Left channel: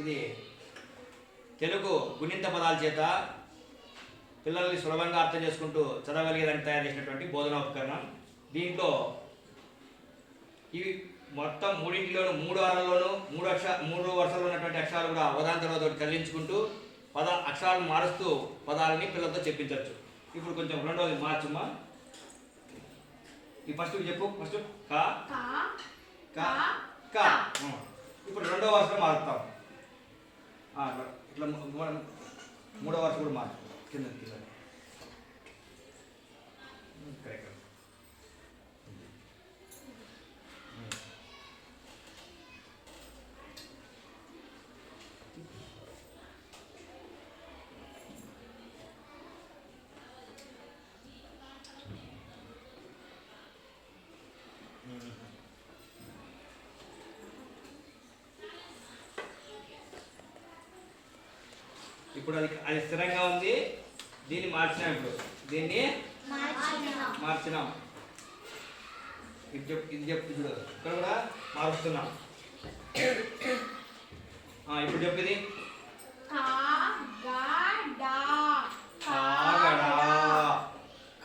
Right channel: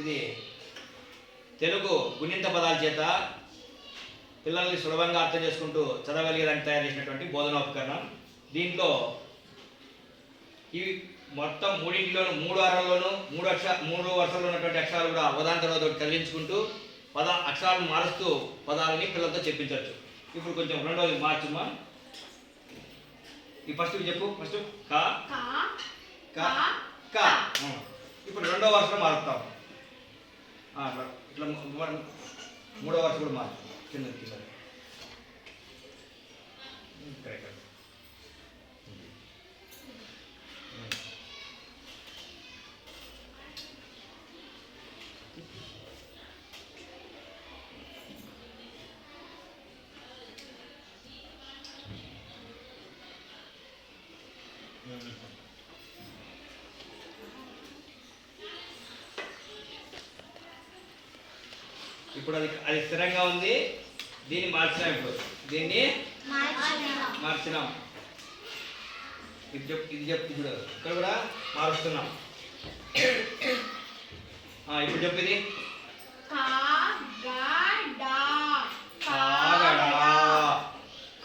ఇది తెలుగు గుణింత పదాల చేత పిల్లల్ని సులభంగా అర్థం చేసుకుంటూ చదవగలిగేదానికి తయారు చేసినటువంటి బోధనోపకరణం. దీంట్లో ఇవి మొత్తం మూడింటిలోనూ 3 వారాల్లోనూ 3 వరుసల్లో ఉన్నటువంటి అక్షరాలు కూడా ఉదాహరణ తర్వాత చదివించుకుంటూ అక్షరాలను మారుస్తూ పదాలని పిల్లలతో చెప్పించవచ్చు. ఇప్పుడు కొంచెం రెండోది మార్చుమా. ఈ ఫస్ట్ చెప్పు. ఫస్ట్ కా కా కా. ఇప్పుడు రెండో వరుసలో మారుతాం. ఇట్లా 3వ వరుస కూడా మారుతాం. కింద కరెక్ట్. ఇప్పుడు అది స్థిరంగా ఉంది. దీన్ని మార్చినాం. ఇప్పుడు దీన్ని మార్చినాం. ఇది చెప్పు చూడు. ఇక్కడ కూడా మారుస్తున్నాం. ఇప్పుడు చెప్పు. ఇది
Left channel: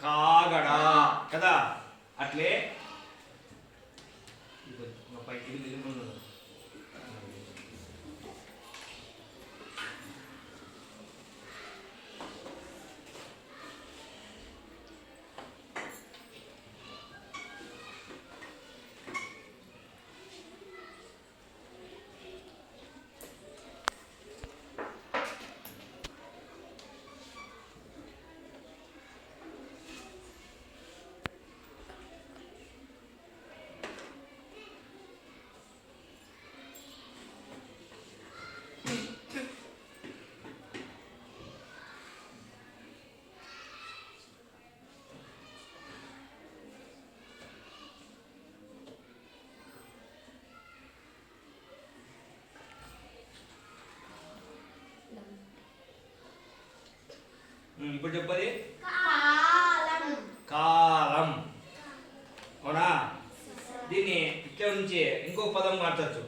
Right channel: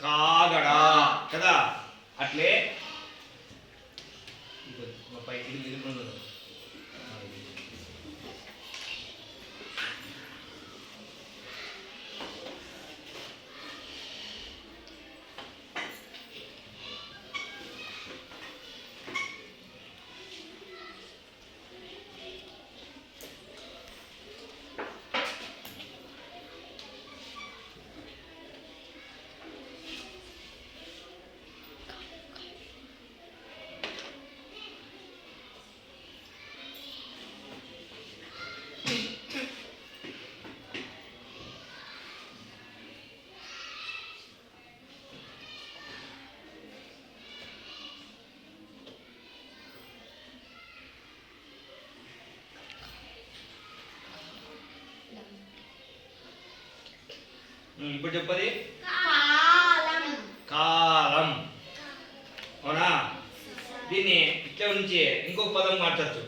కాగడా కదా. అట్లే ఇది ఇప్పుడు చెప్పది కాలం. అవునా. దీన్ని ఇట్లా నుంచి ఇంకొక పదం మార్చచ్చు.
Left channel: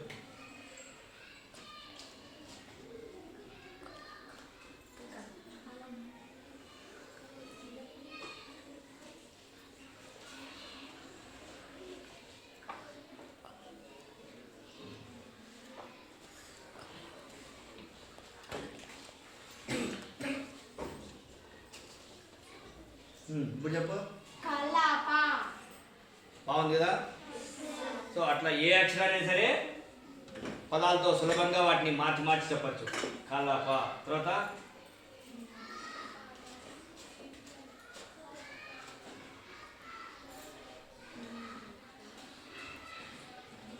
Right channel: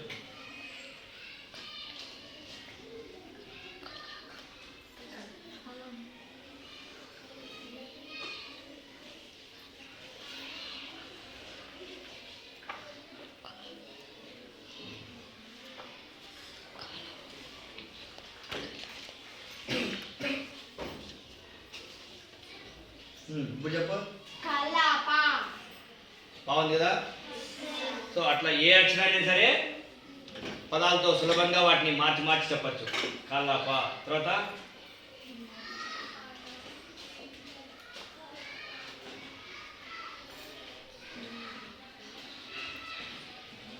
ఇప్పుడు చెప్పు. బాగుంది కదా. సో అట్లా ఏ అక్షరాన్ని సరే పదాలతో సులభంగా వాటిని మార్చి మార్చి చెప్పచ్చు. కలాప. తర్వాత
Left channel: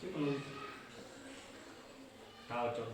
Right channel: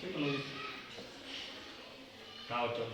చెప్పు నువ్వు. రావచ్చు.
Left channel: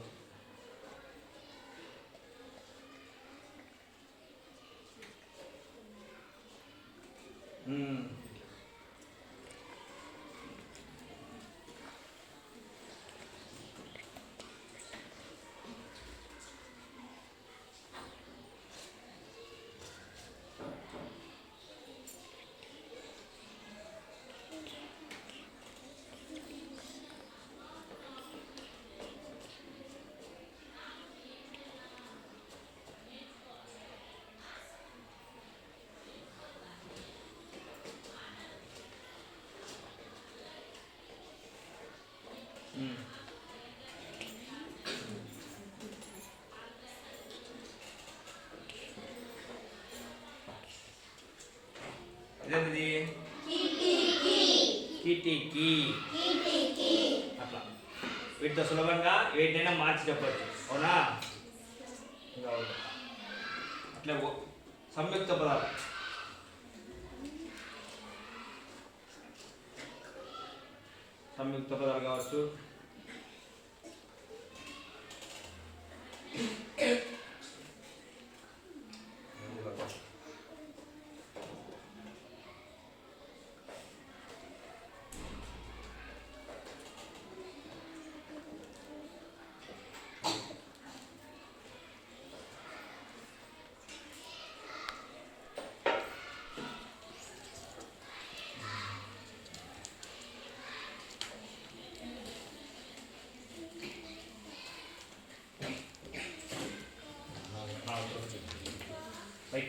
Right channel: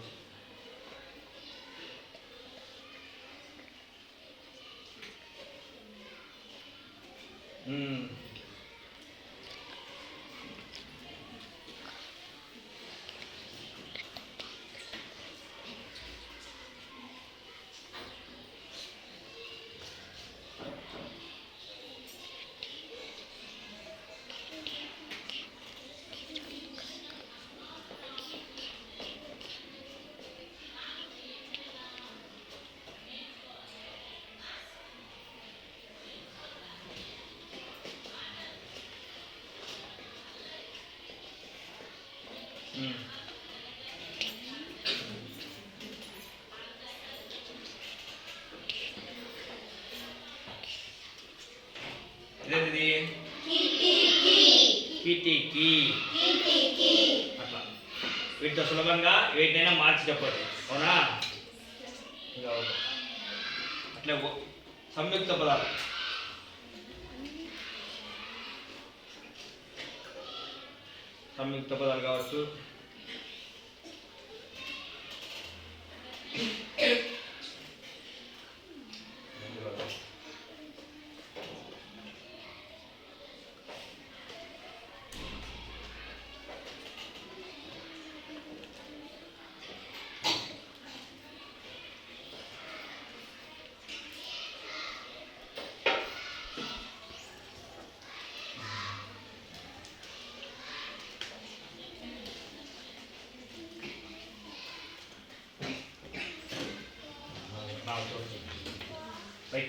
ఇదేంటిది? కిటికీ. అట్లా వీటితో సులభంగా వీటినైనా మార్చి చెప్పచ్చు. అవునా. అట్లా సంయుక్త పదాలు. సంయుక్త పదాలు కావచ్చు.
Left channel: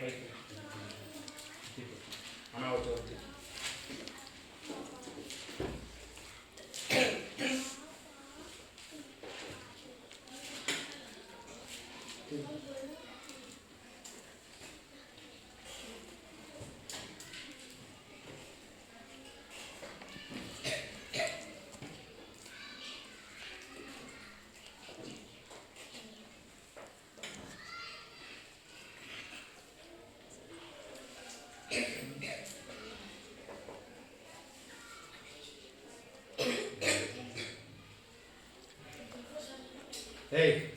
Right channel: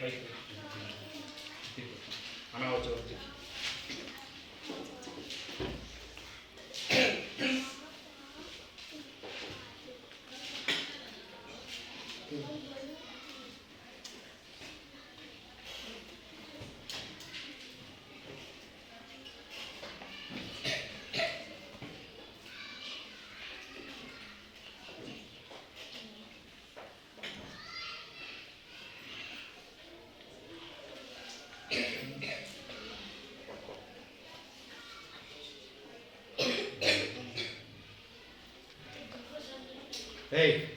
పై అనవచ్చు వచ్చి Hey.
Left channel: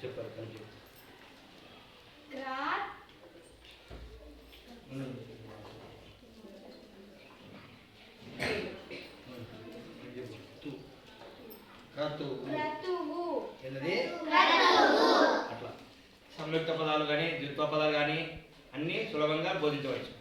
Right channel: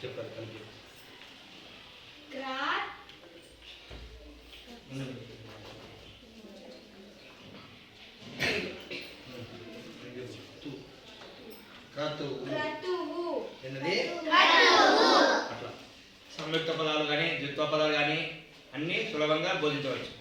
చెప్పారు కలిపి అట్లా సంయుక్త పదాలు కానీ ద్విత్వ పదాలు కానీ అన్నీ సులభంగా బోధించవచ్చు.